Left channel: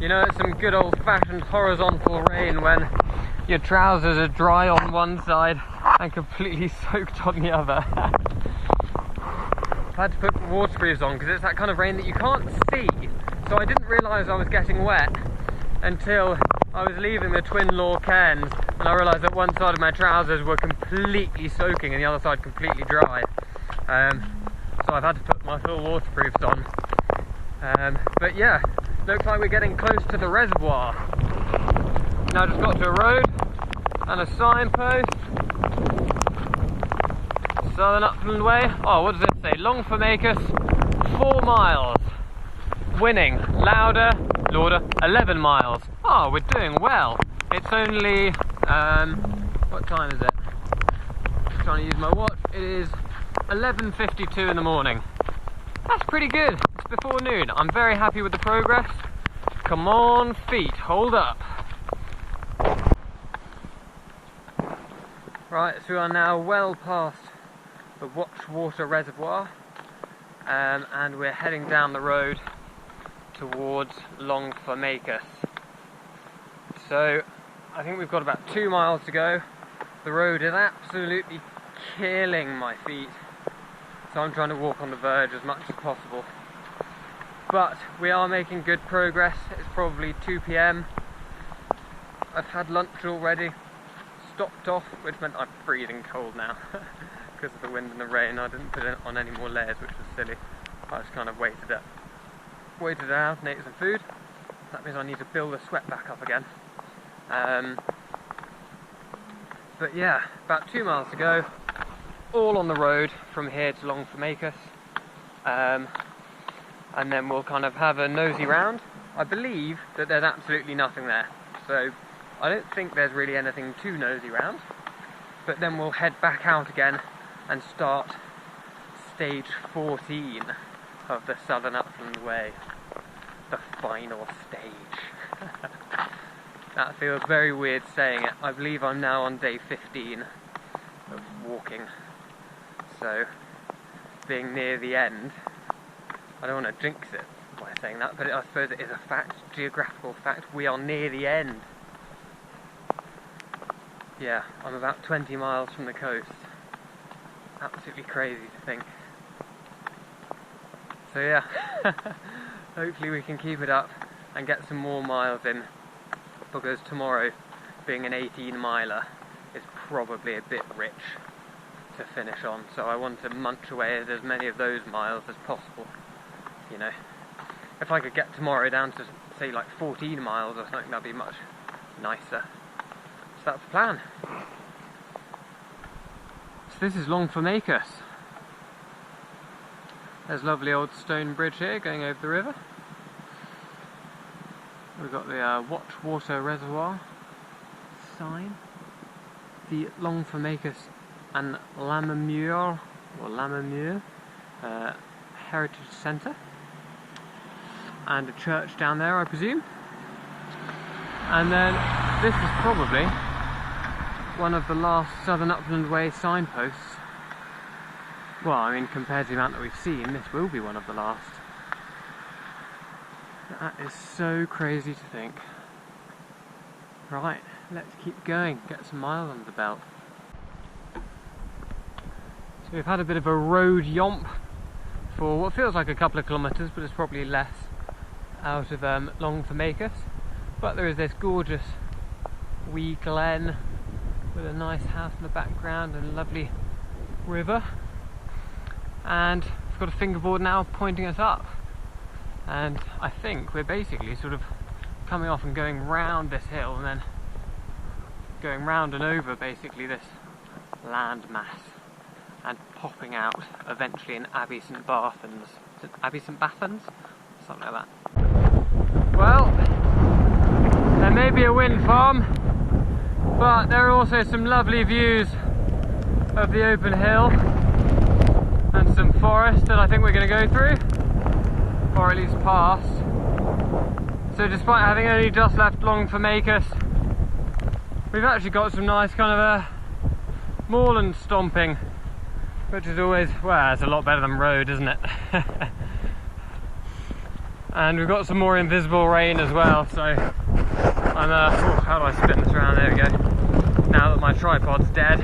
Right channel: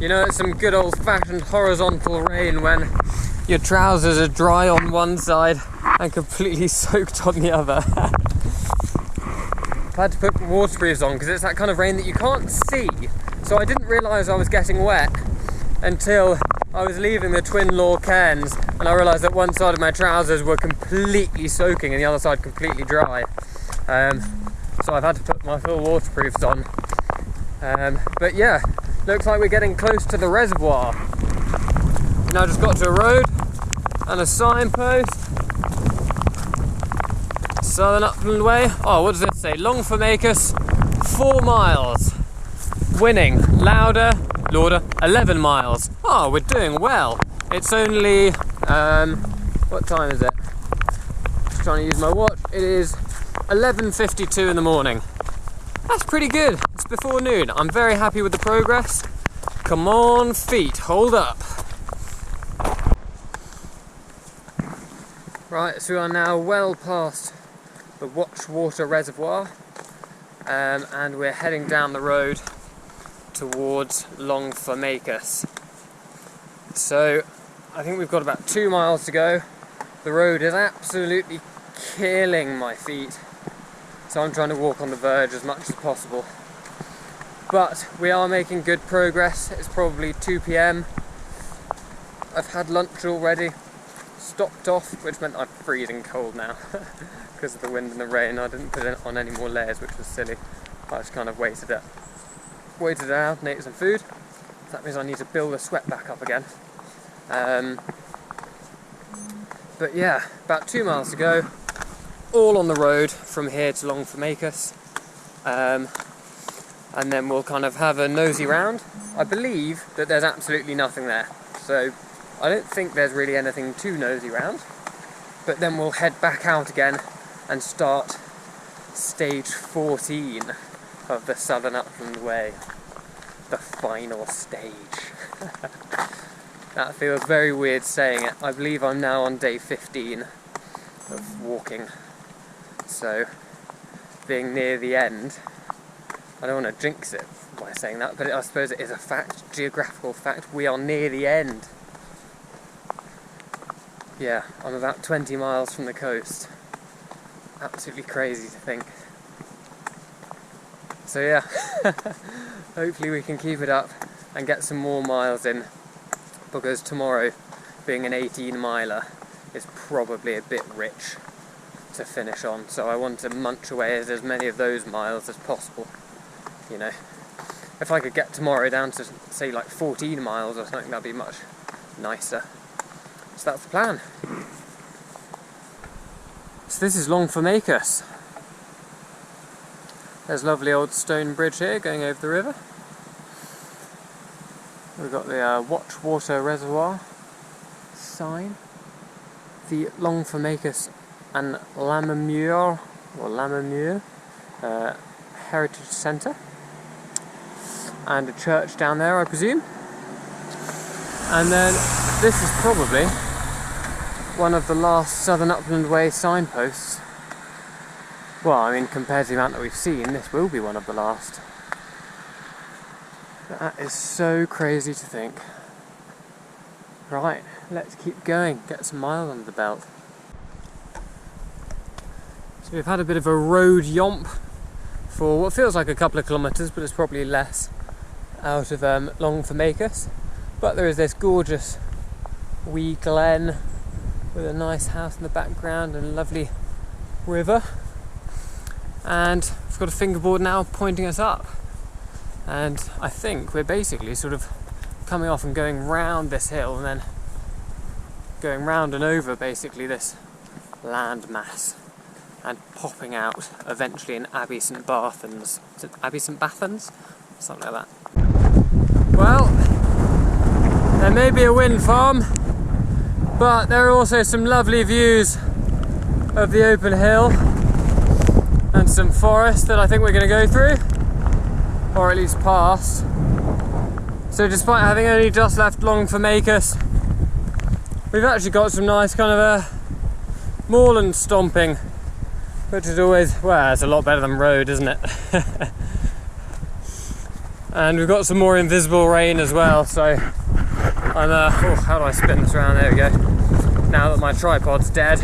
You know, it's some good old-fashioned horizontal rain when your trousers are dry on one side and completely soaked on the other. I had to put waterproofs on because it's that kind of rain that you can't see. So I didn't realise I was getting wet until I was leaving the Twin Law Cairns and I realised that one side of my trousers were completely soaking and the other side completely dry. So I've had to put my full waterproofs on. But yeah, looks like we're getting close to the reservoir. Now just got to a road and a signpost. Southern Upland Way. Oh, what does it say? Longformacus, 4 miles. Winning, Lauder, 11 miles. Oh, we're doing well. It's only, what time is it? Just trying to use my watch. It is 11:52 in the morning. That's pretty good. It's before noon. I'm very happy with the progress. Come on, feet, hold up. Right, so we are now well past the Watch Water Reservoir, and we're heading down the road towards Longformacus. So I think we've got about 2 miles to go. The road is absolutely killing my feet, so I'm trying to walk on the verge as much as possible. But we are making good progress. It's probably 2 PM. I've had lunch already, stopped off, which meant I'm freezing cold now because of the wind and the rain. I didn't put on any more layers, which was silly. I just kind of waited it out and ate some food. That means I need to build the sweat back up again. But yeah, about 2 miles to go, all on the road from here to Longformacus. And then we'll kind of have a nosy round. I believe that there's absolutely nothing there, so I don't think there's really anything to nosy round. But then we'll head back out again and start stage 14 of the Southern Upland Way, the final stage. That feels very weird saying it. I believe I'm now on day 15 of walking, so being near the end, I don't want to jinx it by saying that, but I suppose it is a fact, geographical fact. We are near the end. Yeah, I'm about 20 miles from the coast. Absolutely crazy to think. So yeah, hopefully we can keep it up and get some more miles in, because tomorrow, being an 18-miler, is probably a bit rich to finish on. So I want to munch away as many of those miles as possible. You know, if I could get tomorrow down to, say, like 14 miles or something, that'd be much nicer. So that's the plan. So this is Longformacus. There's a lovely old stone bridge here going over the river. We've got the Watch Water Reservoir sign, the Longformacus and Lammermuir Heritage Centre, and a church down there, I presume. And then this is probably one of the last Southern Upland Way signposts. Well, I mean, compared to the amount that we've seen, this will be one of the last. That is so crazy to think. Right, let's keep going, get some miles under the belt. So we've had a bit of a road yomp for what feels like a couple of kilometres, but it's probably less, out of Longformacus. But there is this gorgeous wee glen with a nice house in the background and a lovely river. And we've got a fingerboard now pointing us up. And I think we're basically sort of coming off and going round this hill and then going round and over basically this landmass and popping out eventually in Abbey St Bathans. Is it Abbey St Bathans? Something like that. Well, there may be a wind farm, but there are also some lovely views of the open hill and some forest that I think we're going to go through, or at least past. So despite having only just left Longformacus, we've actually got some nice kind of moorland stomping, which is always, well, it's a lot better than road, isn't it? And we've got some more invisible rain as well, so I'm oh, how do I spin this around? There we go. Now that my tripod's dead,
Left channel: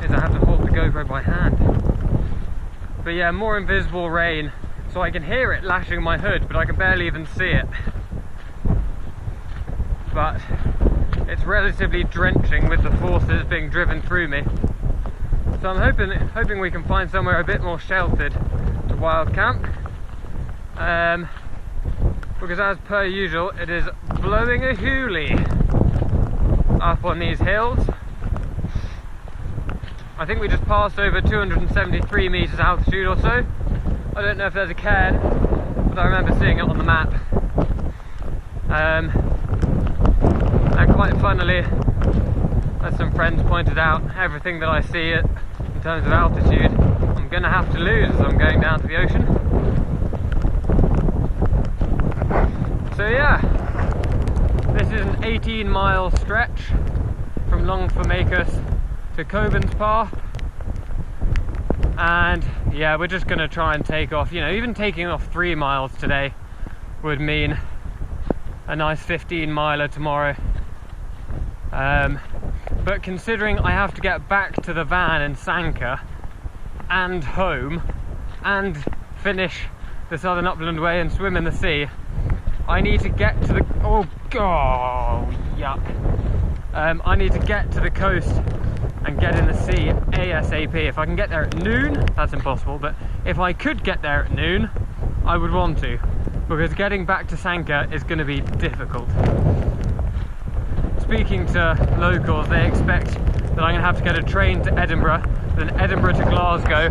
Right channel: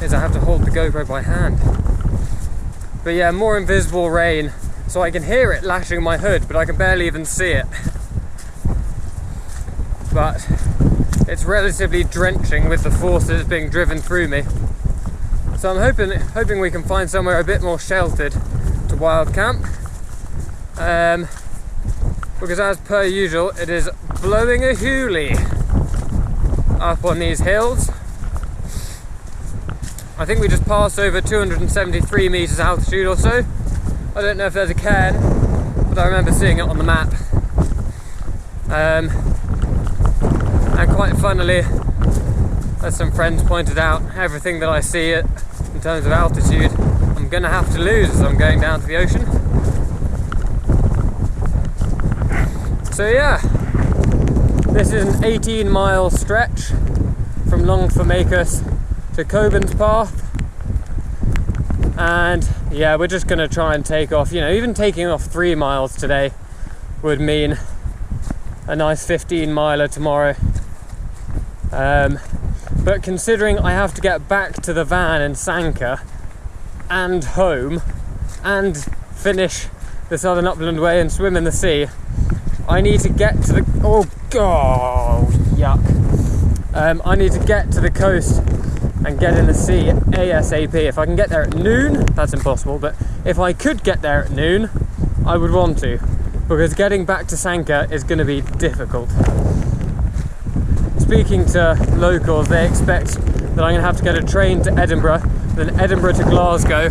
is I have to hold the GoPro by hand. But yeah, more invisible rain, so I can hear it lashing my hood, but I can barely even see it. But it's relatively drenching with the force that is being driven through me. So I'm hoping we can find somewhere a bit more sheltered to wild camp. Because as per usual, it is blowing a hilly up on these hills. I think we just passed over 273 meters altitude or so. I don't know if there's a cairn, but I remember seeing it on the map. And quite funnily, as some friends pointed out, everything that I see it in terms of altitude, I'm going to have to lose as I'm going down to the ocean. So yeah, this is an 18-mile stretch from Longformacus to coe-burns-path, and yeah, we're just going to try and take off, you know, even taking off 3 miles today would mean a nice 15-miler tomorrow. But considering I have to get back to the van in Sanka and home and finish the Southern Upland Way and swim in the sea, I need to get to the, oh god, yuck. I need to get to the coast and get in the sea ASAP. If I can get there at noon, that's impossible, but if I could get there at noon, I would want to, because getting back to Sanka is going to be difficult. Speaking to locals, they expect that I'm going to have to get a train to Edinburgh, then Edinburgh to Glasgow,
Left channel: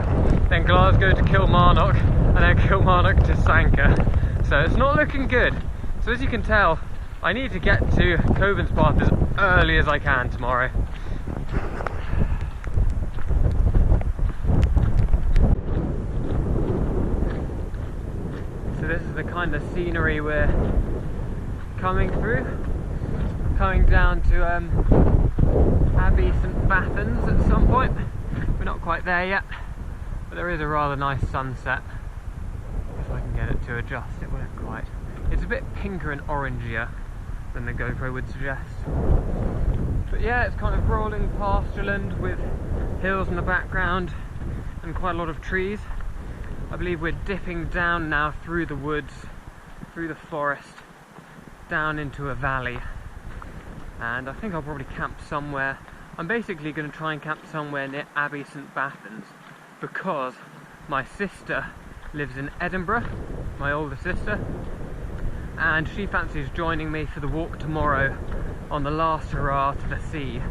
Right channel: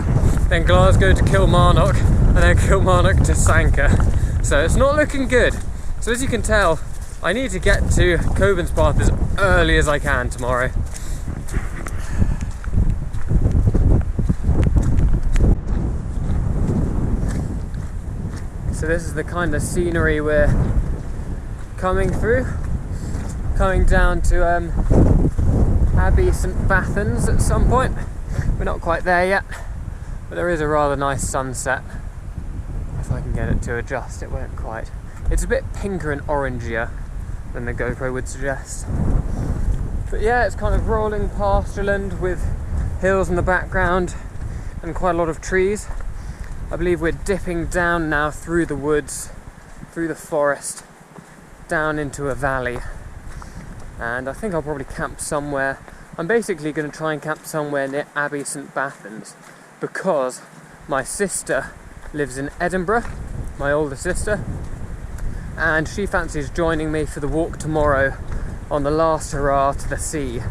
then Glasgow to Kilmarnock, and then Kilmarnock to Sanka. So it's not looking good. So as you can tell, I need to get to coe-burns-path as early as I can tomorrow. So this is the kind of scenery we're coming through. Coming down to Abbey St Bathans at some point. We're not quite there yet, but there is a rather nice sunset. If I can get it to adjust, it won't quite. It's a bit pinker and orangier than the GoPro would suggest. But yeah, it's kind of rolling pastureland with hills in the background and quite a lot of trees. I believe we're dipping down now through the woods, through the forest, down into a valley. And I think I'll probably camp somewhere. I'm basically going to try and camp somewhere near Abbey St Bathans, because my sister lives in Edinburgh, my older sister, and she fancies joining me for the walk tomorrow on the last hurrah to the sea.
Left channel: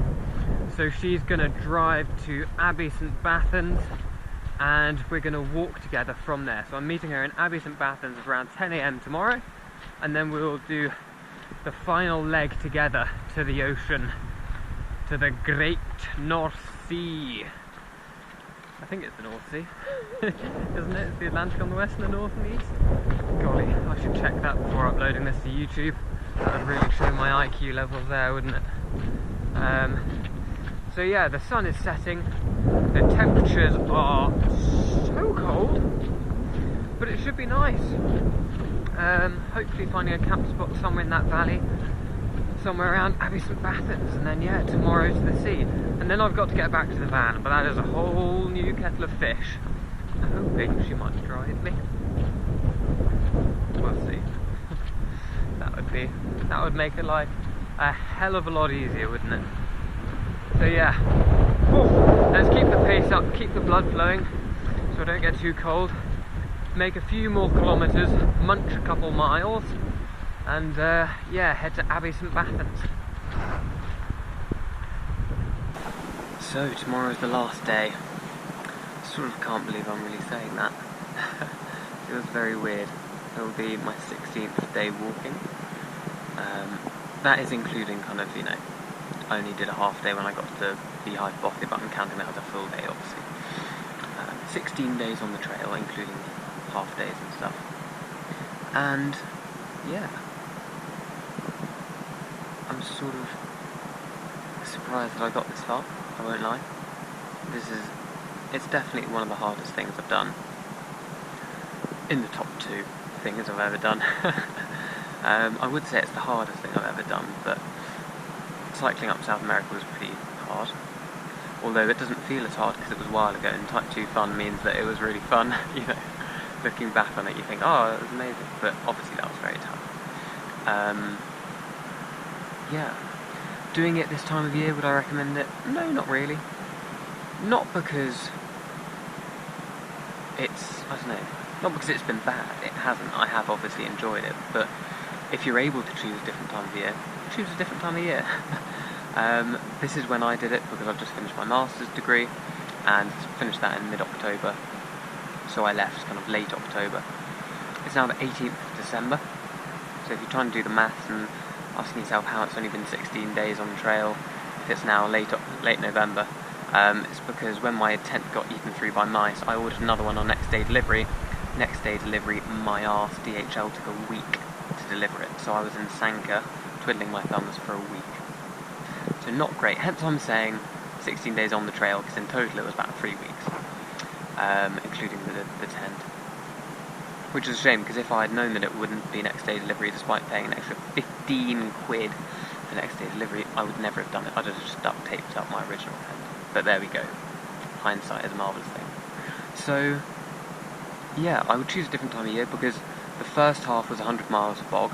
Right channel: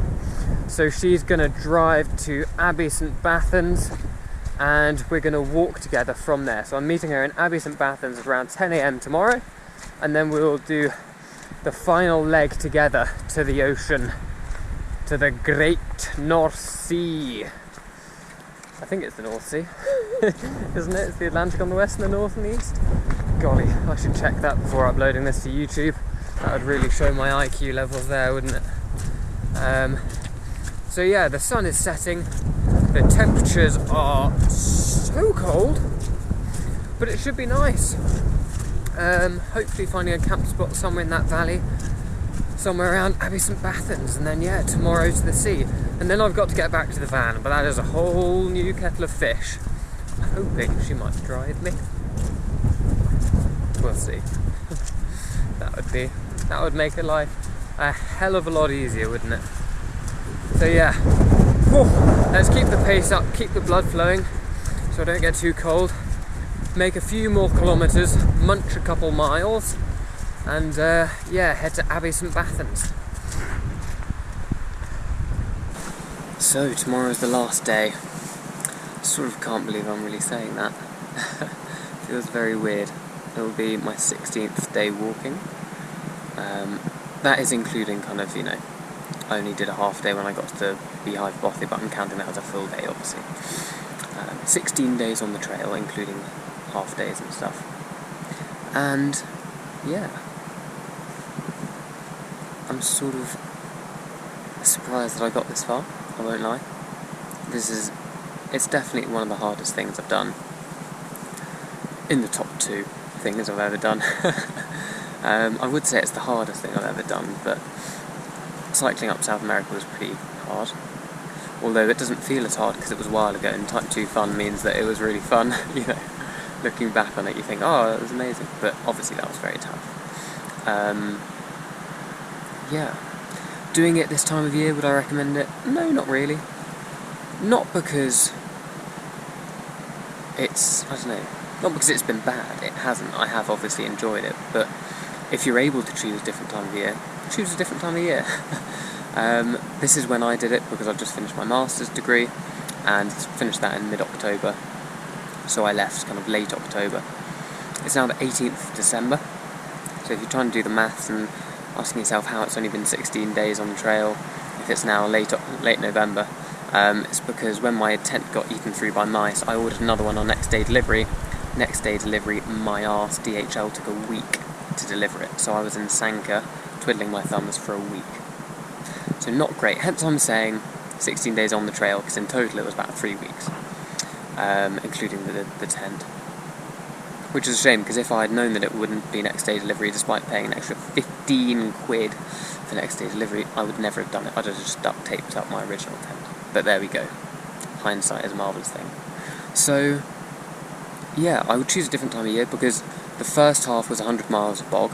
So she's going to drive to Abbey St Bathans and we're going to walk together from there. So I'm meeting her in Abbey St Bathans around 10 AM tomorrow, and then we will do the final leg together to the ocean, to the Great North Sea. I think it's the North Sea, isn't it? It's the Atlantic on the west and the north and the east. Golly, I should check that before uploading this to YouTube. That would really show my IQ levels there, wouldn't it? So yeah, the sun is setting, the temperatures are so cold, but it should be nice. Hopefully finding a camp spot somewhere in that valley, somewhere around Abbey St Bathans, and then yeah, tomorrow to the sea. And then I've got to get back to the van, but that is a whole new kettle of fish. I'm hoping she might drive me. We'll see. That would make her life a hell of a lot easier, wouldn't it? So yeah, let's keep the pace up, keep the blood flowing so I don't get too cold, make a few more kilometres, munch a couple miles, and yeah, head to Abbey St Bathans. So tomorrow's the last day. Sort of can't believe I'm really saying that. Feels very weird. It will be my 16th day walking. That is including kind of, you know, I only did a half day when I got to the Beehive Bothy, but I'm counting that as a full day, obviously. 16 days on the trail, including half days and stuff. And yeah, I'm sort of surprised that I got this far, I won't lie. It's definitely one of the hardest things I've done. in the top 2 things I've ever done. I would say it's the hardest thing I've ever done, but cycling up South America was pretty hard. Although it doesn't feel as hard because it was a while ago, and Type 2 fun means that it was really fun. You know, looking back on it, you think, oh, it was amazing. But obviously that was very tough. Yeah. Doing it this time of year, would I recommend it? No, not really. Not because it's, I don't know, not because it's been bad. It hasn't. I have obviously enjoyed it. But if you're able to choose a different time of year, choose a different time of year. This is when I did it because I've just finished my master's degree and finished that in mid-October. So I left kind of late October. It's now the 18th of December. So if you're trying to do the maths and asking yourself how it's only been 16 days on the trail, if it's now late November, it's because when my tent got eaten through by mice, I ordered another one on next day delivery. Next day delivery, my arse, DHL took a week to deliver it. So I was in Sanka, twiddling my thumbs for a week. So not great, hence I'm saying 16 days on the trail, because in total it was about 3 weeks, including the tent. Which is a shame, because if I had known that it wouldn't be next day delivery, despite paying an extra 15 quid for next day delivery, I would never have done it. I'd have just duct taped up my original tent. But there we go. Hindsight is a marvellous thing. So, yeah, I would choose a different time of year, because the first half was 100 miles of bog,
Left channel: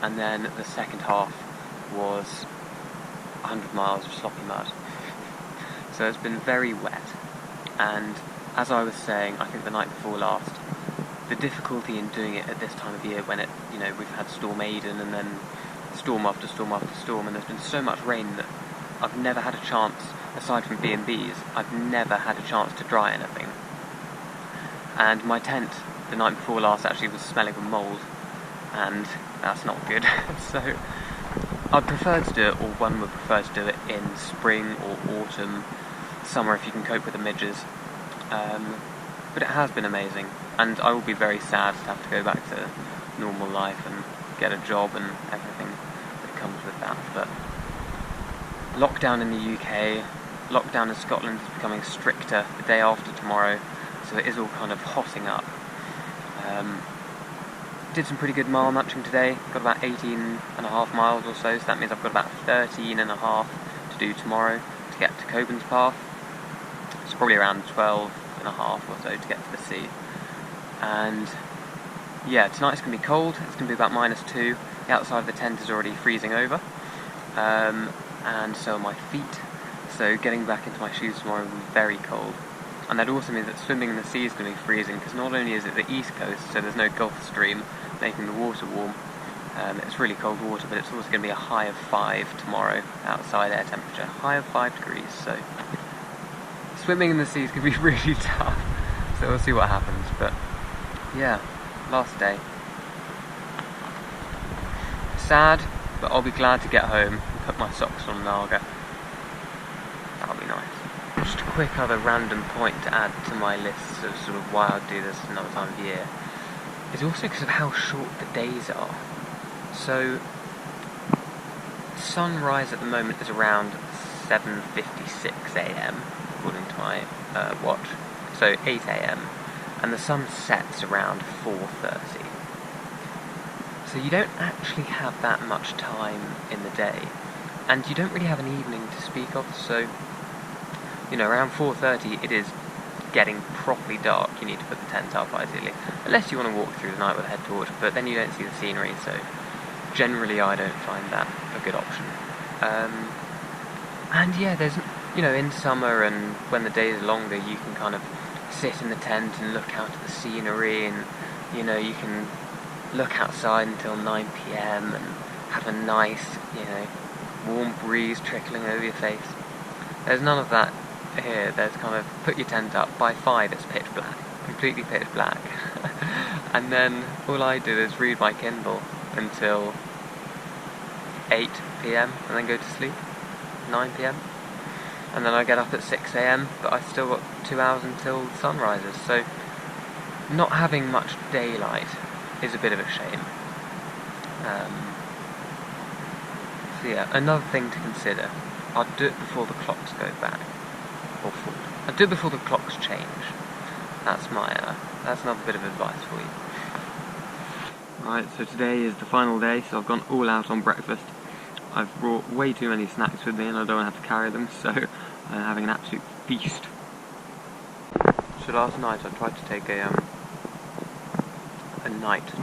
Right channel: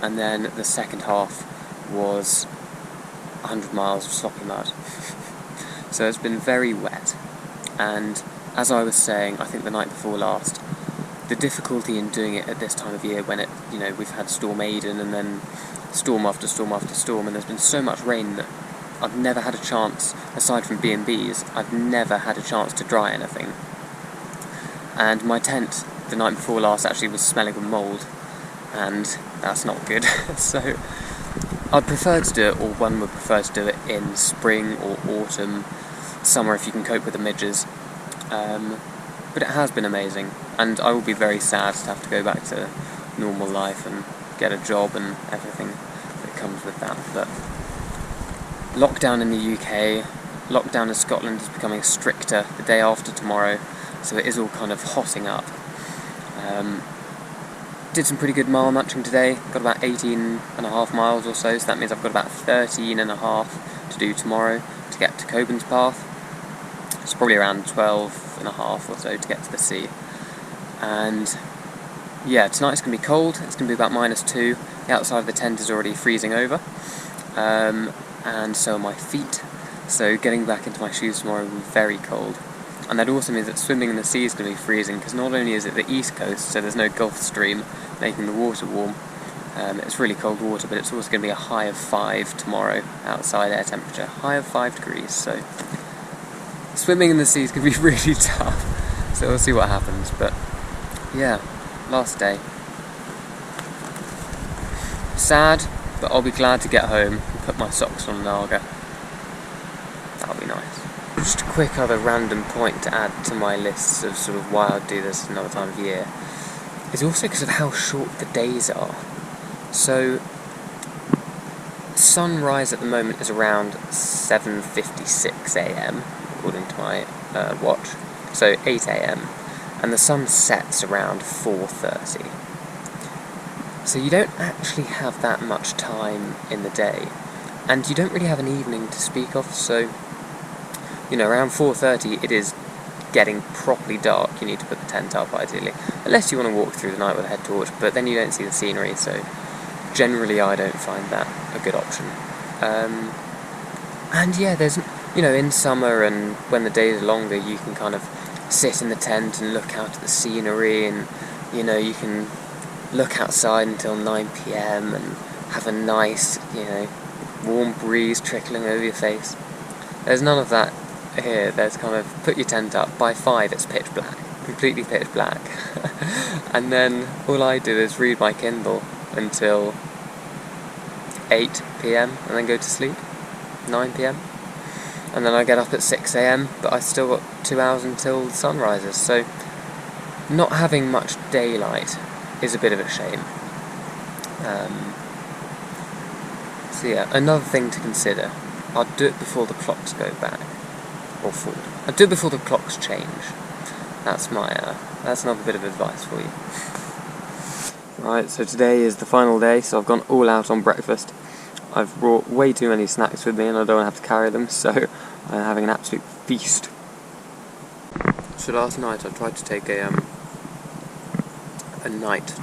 and then the second half was 100 miles of sloppy mud. So it's been very wet, and as I was saying, I think the night before last, the difficulty in doing it at this time of year when it, you know, we've had Storm Aiden and then storm after storm after storm, and there's been so much rain that I've never had a chance, aside from B&Bs, I've never had a chance to dry anything. And my tent the night before last actually was smelling of mould, and that's not good. So I'd prefer to do it, or one would prefer to do it in spring or autumn, summer if you can cope with the midges. But it has been amazing, and I will be very sad to have to go back to normal life and get a job and everything that comes with that. But lockdown in the UK, lockdown in Scotland is becoming stricter the day after tomorrow, so it is all kind of hotting up. Did some pretty good mile munching today, got about 18.5 miles or so that means I've got about 13.5 to do tomorrow to get to Cockburnspath. It's probably around 12.5 or so to get to the sea. And yeah, tonight's going to be cold, it's going to be about -2, the outside of the tent is already freezing over, and so are my feet, so getting back into my shoes tomorrow will be very cold. And that also means that swimming in the sea is going to be freezing, because not only is it the east coast, so there's no Gulf Stream making the water warm, it's really cold water, but it's also going to be a high of 5 tomorrow, outside air temperature, high of 5 degrees, so swimming in the sea is going to be really tough, so we'll see what happens. But yeah, last day. Sad, but I'll be glad to get home and put my socks on an Naga. That'll be nice. Just a quick other random point to add to my list of sort of why I'd do this another time of year is also because of how short the days are. So sunrise at the moment is around 7:56 AM according to my watch, so 8 AM, and the sun sets around 4:30. So you don't actually have that much time in the day, and you don't really have an evening to speak of, so you know, around 4:30 it is getting properly dark. You need to put the tent up ideally, unless you want to walk through the night with a head torch, but then you don't see the scenery, so generally I don't find that a good option. And yeah, there's, you know, in summer and when the days are longer, you can kind of sit in the tent and look out at the scenery, and you know, you can look outside until 9 PM and have a nice, you know, warm breeze trickling over your face. There's none of that here. There's kind of, put your tent up, by 5 it's pitch black, completely pitch black. And then all I do is read my Kindle until 8 PM and then go to sleep, 9 PM. And then I get up at 6 AM, but I still got 2 hours until the sun rises, so not having much daylight is a bit of a shame. So yeah, another thing to consider, I'd do it before the clocks go back, or forward. I'd do it before the clocks change. That's my That's another bit of advice for you. Right, so today is the final day, so I've gone all out on breakfast. I've brought way too many snacks with me and I don't want to have to carry them, so I'm having an absolute feast. So last night I tried to take a night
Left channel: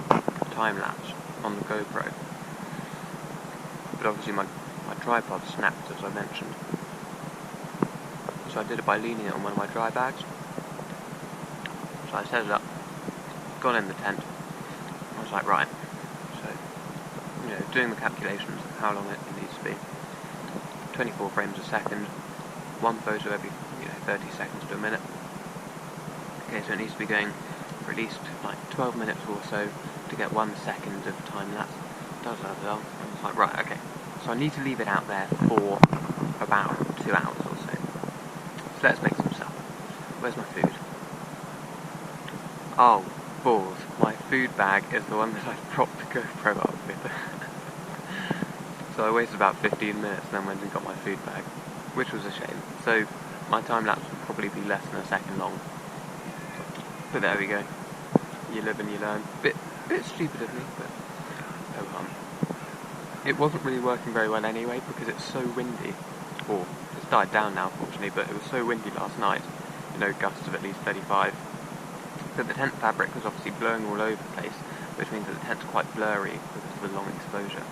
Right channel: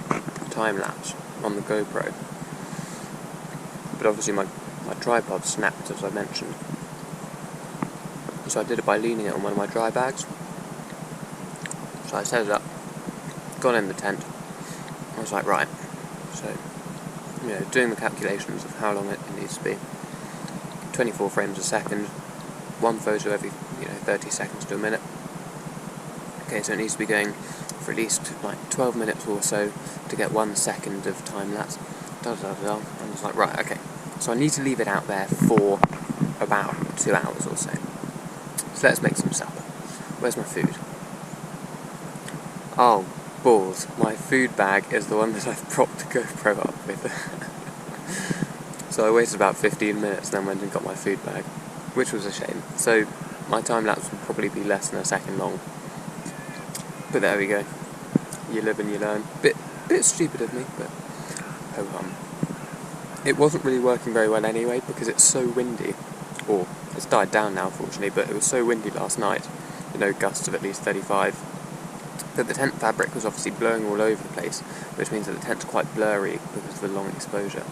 time-lapse on the GoPro, but obviously my tripod snapped, as I mentioned. So I did it by leaning it on one of my dry bags. So I set it up, got in the tent, I was like, right, so, doing the calculations of how long it needs to be. 24 frames a second, one photo every, 30 seconds to a minute. Okay, so it needs to be going for at least, 12 minutes or so to get 1 second of time-lapse. And I was like, right, okay, so I need to leave it out there for about 2 hours or so. So let's make some supper. Where's my food? Oh, balls. My food bag is the one that I've propped the GoPro up with. So I waited about 15 minutes and then went and got my food bag, which was a shame. So my time-lapse would probably be less than a second long. But there we go. You live and you learn. Bit stupid of me, but ho hum. It wasn't really working very well anyway because it's so windy. Or, it's died down now fortunately, but it was so windy last night. Gusts of at least 35. But the tent fabric was obviously blowing all over the place, which means that the tent's quite blurry because of the long exposure.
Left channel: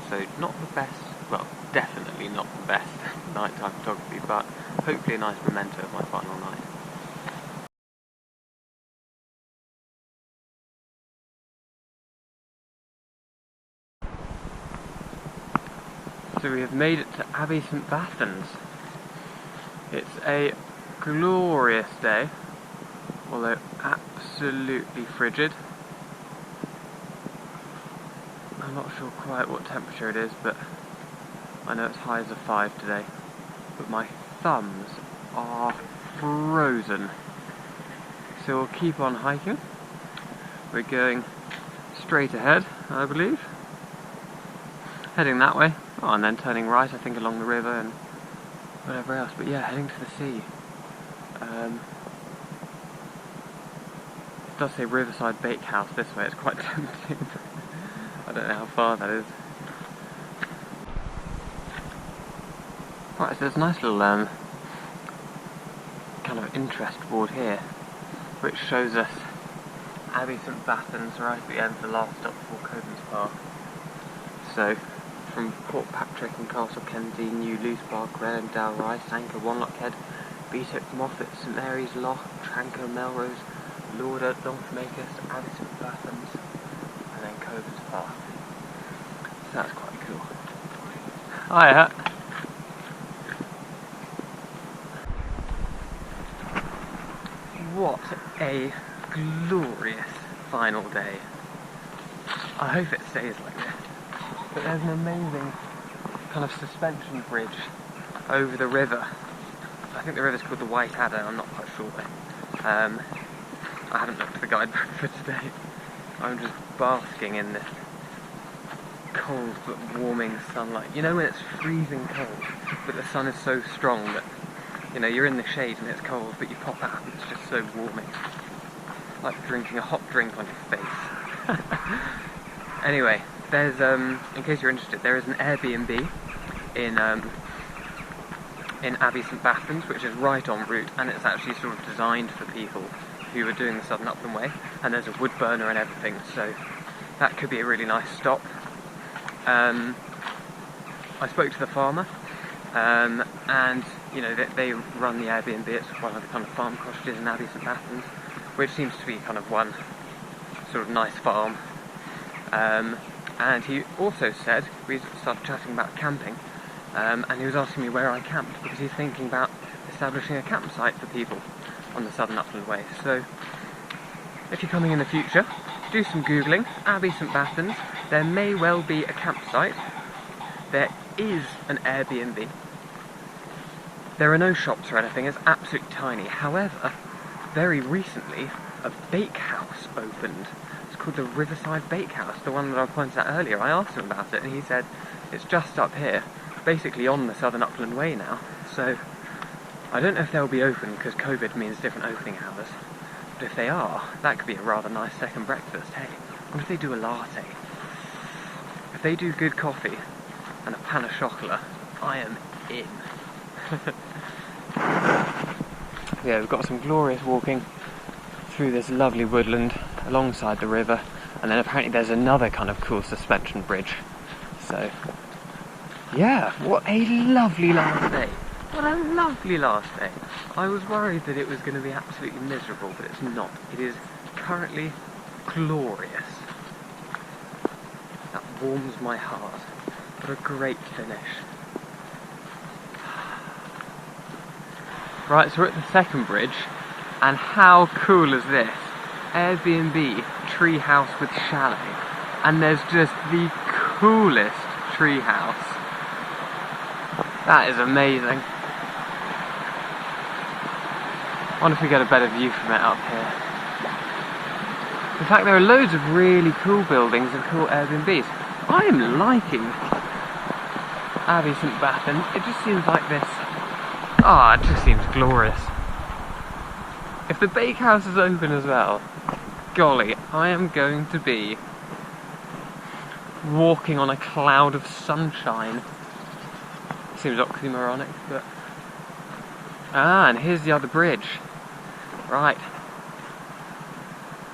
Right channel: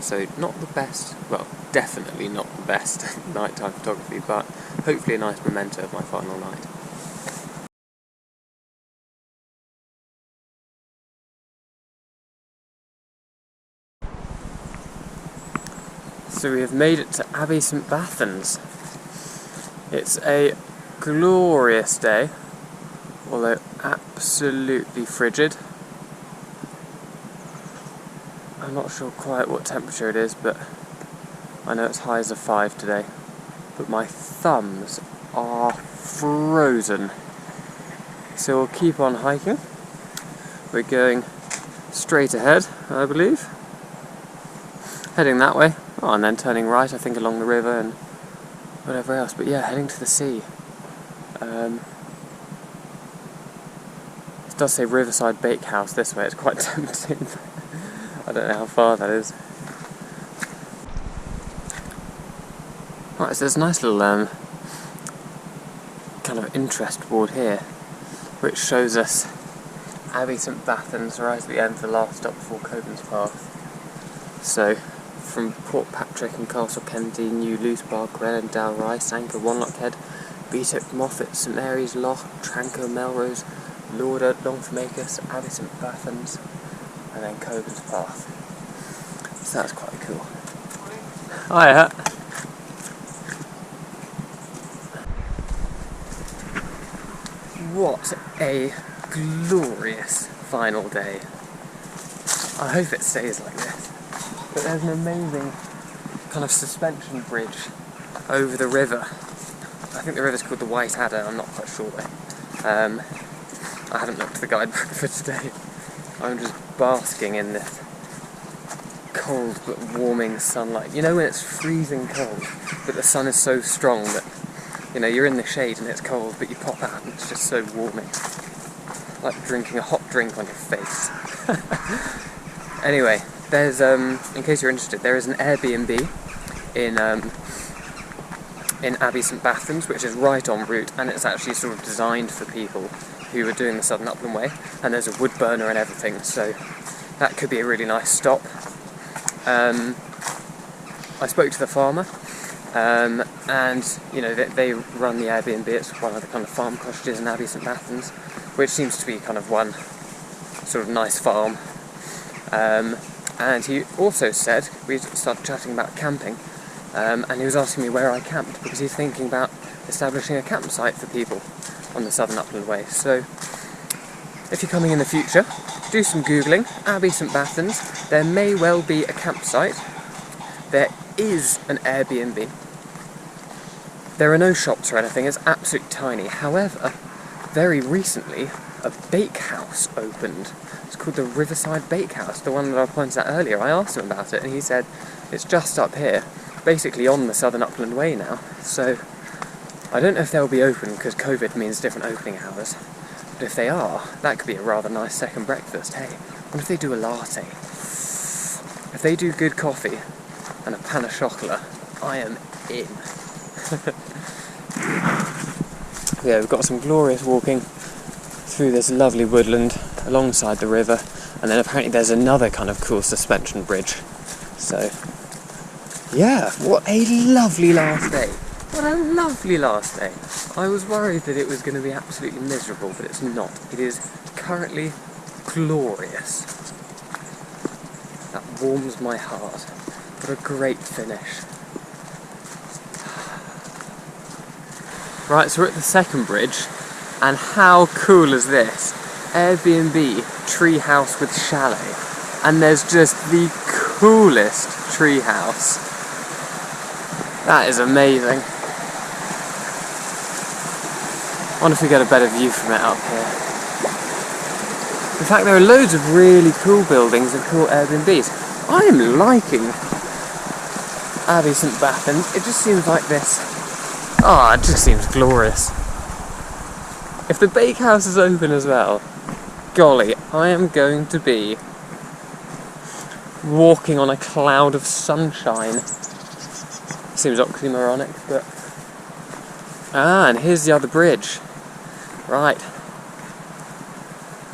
So not the best, well, definitely not the best nighttime photography, but hopefully a nice memento of my final night. So we have made it to Abbey St Bathans. It's a glorious day, although absolutely frigid. I'm not sure quite what temperature it is, but I know it's high as a 5 today. But my thumbs are frozen. So we'll keep on hiking. We're going straight ahead, I believe. Heading that way. Oh, and then turning right, I think, along the river and whatever else. But yeah, heading to the sea. It does say Riverside Bakehouse this way. It's quite tempting. I don't know how far that is. Right, so there's a nice little kind of interest board here, which shows us Abbey St Bathans right at the end, the last stop before Cockburnspath. So, from Port Patrick and Castle Kennedy, New Loose Bar, Grennan, Dalrice, Anchor, Wanlockhead, Beatock, Moffat, St Mary's, Loch, Tranquil, Melrose, Lauder, Longformacus, Abbey St Bathans, and then coe-burns-path. So that's quite cool. Hiya! What a glorious final day. I hope it stays like this. But there's an amazing kind of suspension bridge over the river. I think the river's called the Whiteadder, I'm not quite sure though. I haven't looked at the guidebook for today. I'm just basking in this cold but warming sunlight. You know when it's freezing cold, but the sun is so strong that, you're in the shade and it's cold, but you pop out and it's just so warming. Like drinking a hot drink on your face. Anyway, there's, in case you're interested, there is an Airbnb in Abbey St Bathans, which is right en route, and it's actually sort of designed for people who are doing the Southern Upland Way, and there's a wood burner and everything, so that could be a really nice stop. I spoke to the farmer, and they run the Airbnb. It's one of the kind of farm cottages in Abbey St Bathans, which seems to be kind of one sort of nice farm. And he also said, we started chatting about camping, and he was asking me where I camped, because he's thinking about establishing a campsite for people on the Southern Upland Way. So if you're coming in the future, do some Googling. Abbey St Bathans, there may well be a campsite. There is an Airbnb. There are no shops or anything, it's absolutely tiny. However, very recently, a bakehouse opened. It's called the Riverside Bakehouse, the one that I pointed out earlier. I asked him about it and he said it's just up here, basically on the Southern Upland Way now. So I don't know if they'll be open because COVID means different opening hours, But if they are, that could be a rather nice second breakfast. Hey, what if they do a latte? If they do good coffee and a pan of chocolate, I am in. Yeah, we've got some glorious walking through this lovely woodland alongside the river, and then apparently there's another kind of cool suspension bridge. So, yeah, what a lovely last day. What a lovely last day. I was worried that it was going to be absolutely miserable, but it's not. It is currently glorious. That warms my heart. What a great finish. Right, so we're at the second bridge, and how cool is this? Airbnb treehouse with chalet, and there's just the coolest treehouse. That is amazing. I wonder if we get a better view from it up here. In fact, there are loads of really cool buildings and cool Airbnbs. I am liking Abbey St Bathans. It just seems like this. Oh, it just seems glorious. If the Bakehouse is open as well, golly, I am going to be walking on a cloud of sunshine. Seems oxymoronic, but... Ah, and here's the other bridge. Right.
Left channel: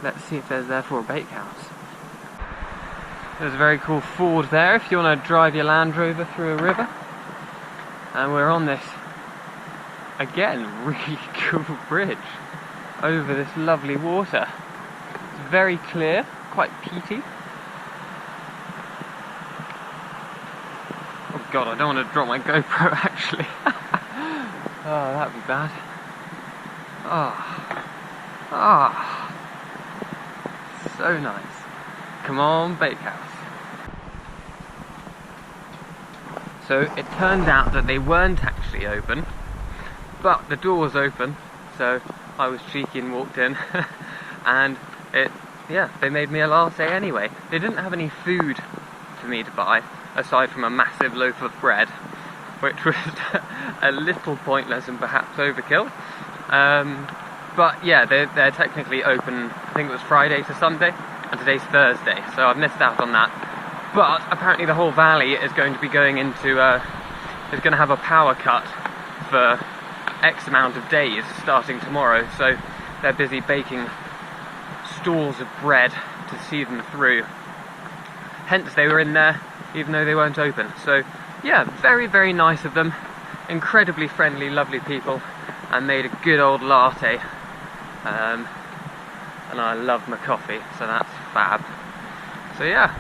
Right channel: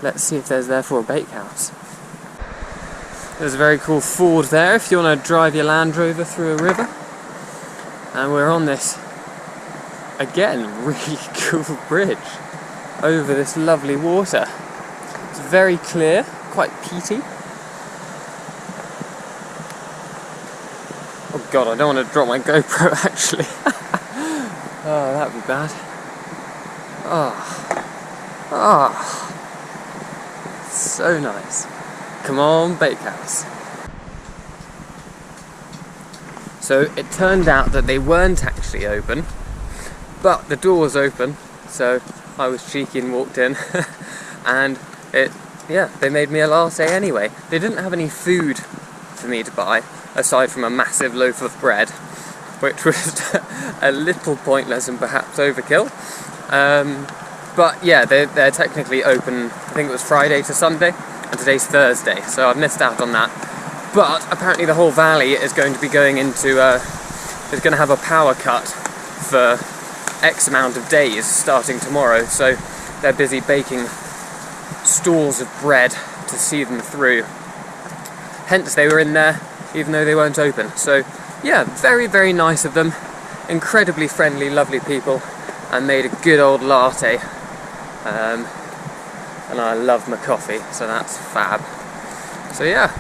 Let's see if there's therefore a bakehouse. There's a very cool ford there if you want to drive your Land Rover through a river. And we're on this, again, really cool bridge over this lovely water. It's very clear, quite peaty. Oh god, I don't want to drop my GoPro actually. Oh, that'd be bad. Oh, so nice. Come on, Bakehouse. So it turned out that they weren't actually open, but the door was open, so I was cheeky and walked in, and they made me a latte anyway. They didn't have any food for me to buy, aside from a massive loaf of bread, which was a little pointless and perhaps overkill. But yeah, they're technically open, I think it was Friday to Sunday, and today's Thursday, so I've missed out on that. But apparently the whole valley is going to be going into, is going to have a power cut for X amount of days starting tomorrow, so they're busy baking stalls of bread to see them through. Hence they were in there, even though they weren't open. So yeah, very, very nice of them. Incredibly friendly, lovely people, and made a good old latte. And I love my coffee, so that's fab. So yeah,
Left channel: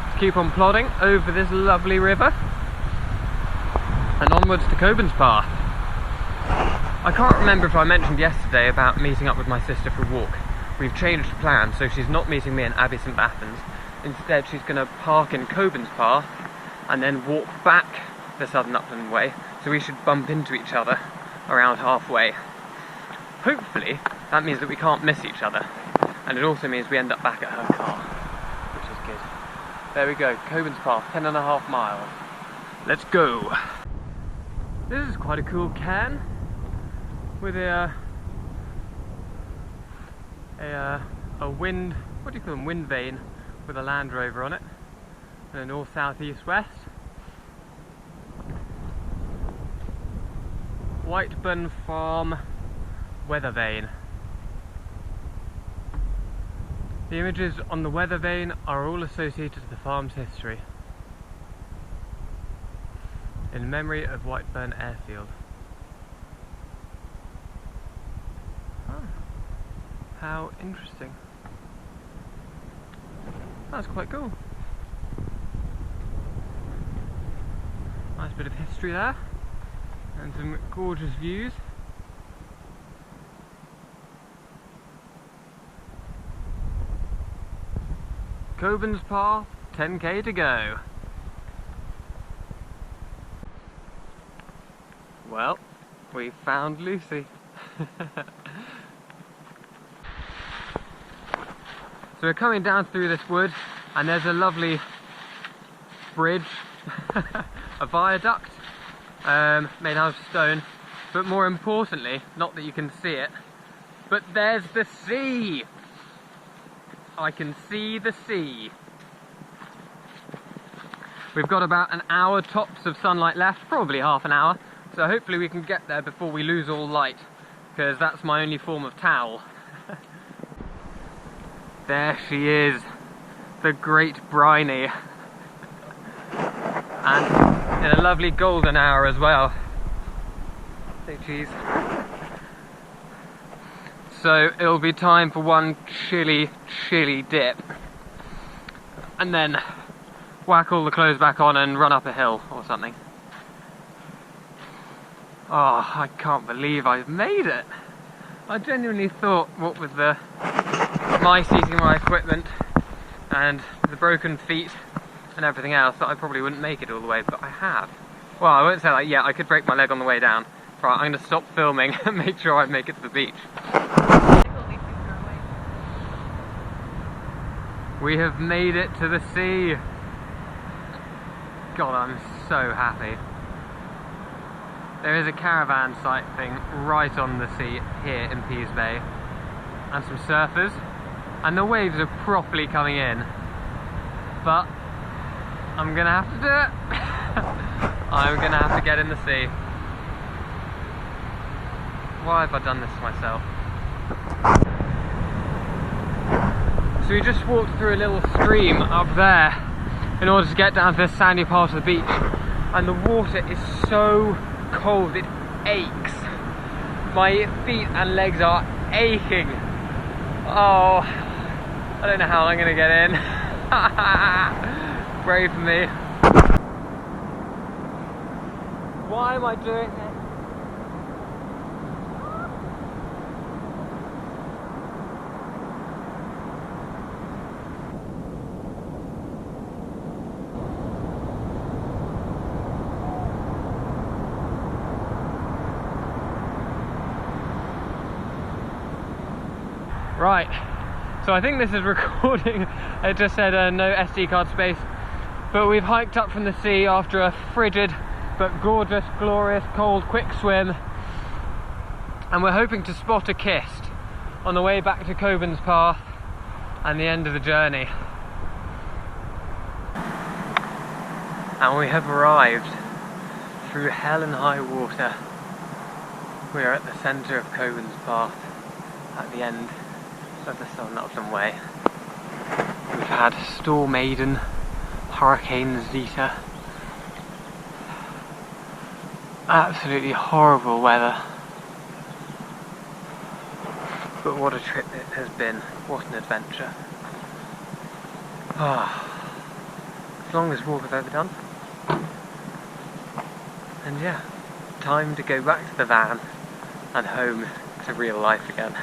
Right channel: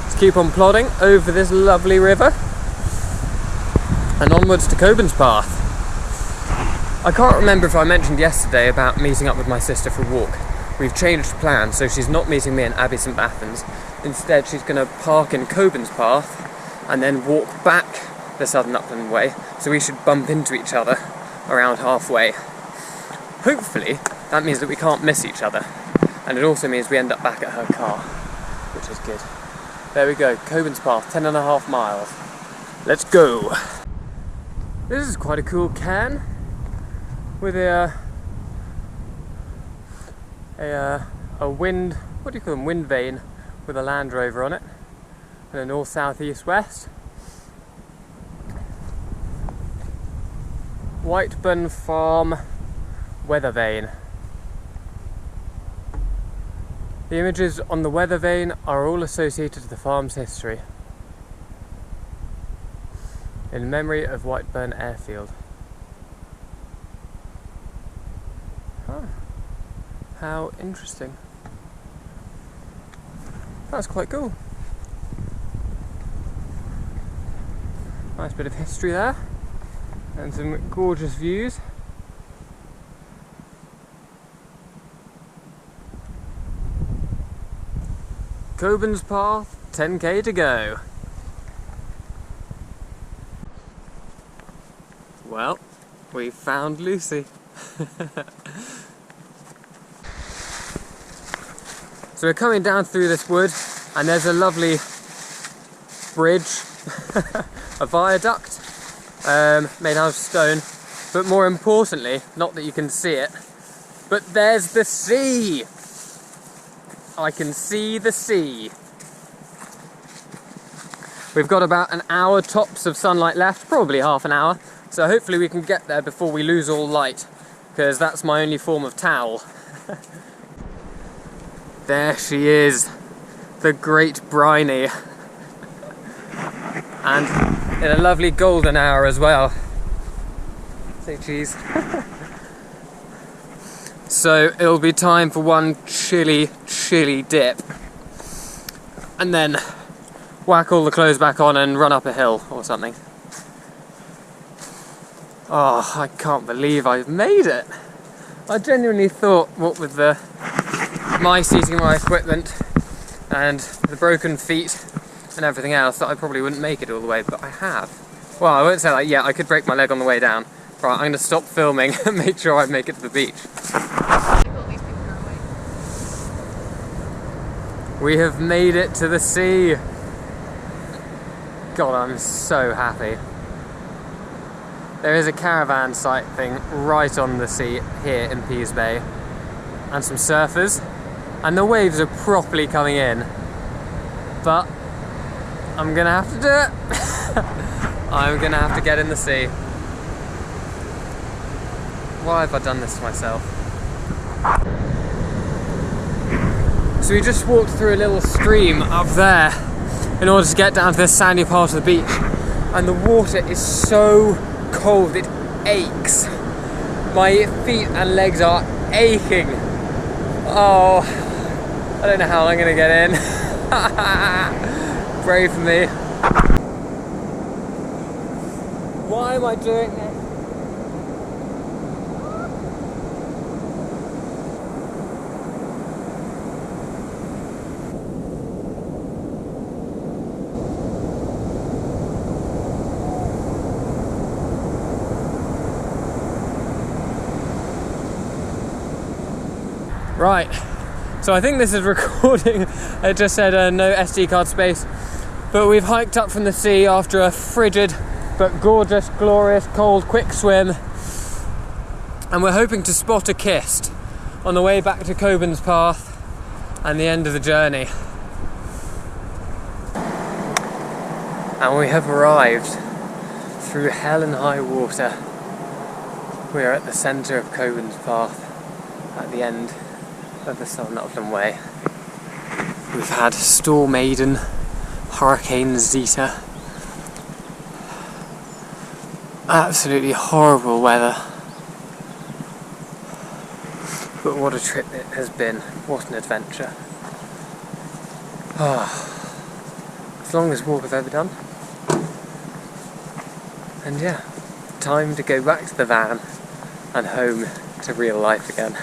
let's keep on plodding over this lovely river and onwards to Cockburnspath. I can't remember if I mentioned yesterday about meeting up with my sister for a walk. We've changed plans, so she's not meeting me in Abbey St Bathans. Instead, she's going to park in Cockburnspath and then walk back the Southern Upland Way, so we should bump into each other around halfway. Hopefully, that means that we can't miss each other, and it also means we end up back at her car, which is good. There we go, Cockburnspath, 10.5 miles. Let's go! This is quite a cool cairn with a wind, what do you call them, wind vane with a Land Rover on it, and a north, south, east, west. Whiteadder Farm weather vane. The images on the weather vane are all associated to the farm's history. In memory of Whiteburn Airfield. Oh, how interesting. That's quite cool. Nice bit of history there, and some gorgeous views. Cockburnspath, 10k to go. Well, we found Lucy. So we're coming down through this wood, and there's a lovely bridge, a viaduct, made out of stone, but more importantly, not that you can see it, But there's the sea! I can see the sea. We've got about an hour tops of sunlight left, probably half an hour, so hopefully we can get there before we lose all light, because that's my only form of towel. There she is, the Great Briny. And in a lovely golden hour as well. Say cheese. So it'll be time for one chilly, chilly dip. And then whack all the clothes back on and run up a hill or something. Oh, I can't believe I've made it. I genuinely thought, what with my seating my equipment and the broken feet and everything else, that I probably wouldn't make it all the way, but I have. Well, I won't say that yet, I could break my leg on the way down. Right, I'm going to stop filming and make sure I make it to the beach. We have made it to the sea. God, I'm so happy. There is a caravan site thing right on the sea here in Pease Bay, and some surfers, and the waves are properly coming in, but I'm gonna have to do it. I'm gonna have to get in the sea. Why have I done this to myself? So we just walked through a little stream up there in order to get down to this sandy part of the beach, and the water is so cold it aches. My feet and legs are aching. Oh, I don't know how I'm gonna get in. Pray for me. Why am I doing this? Right, so I think this is recording. It just said no SD card space, but we've hiked up from the sea after a frigid but gorgeous, glorious, cold, quick swim, and we're hoping to spot a kist on the way back to coe-burns-path and the end of the journey. And we have arrived through hell and high water. We are at the centre of coe-burns-path at the end of the Southern Upland Way. We've had Storm Aiden, Hurricane Zeta, absolutely horrible weather, but what a trip it has been, what an adventure. It's the longest walk I've ever done, and yeah, time to go back to the van and home to real life again.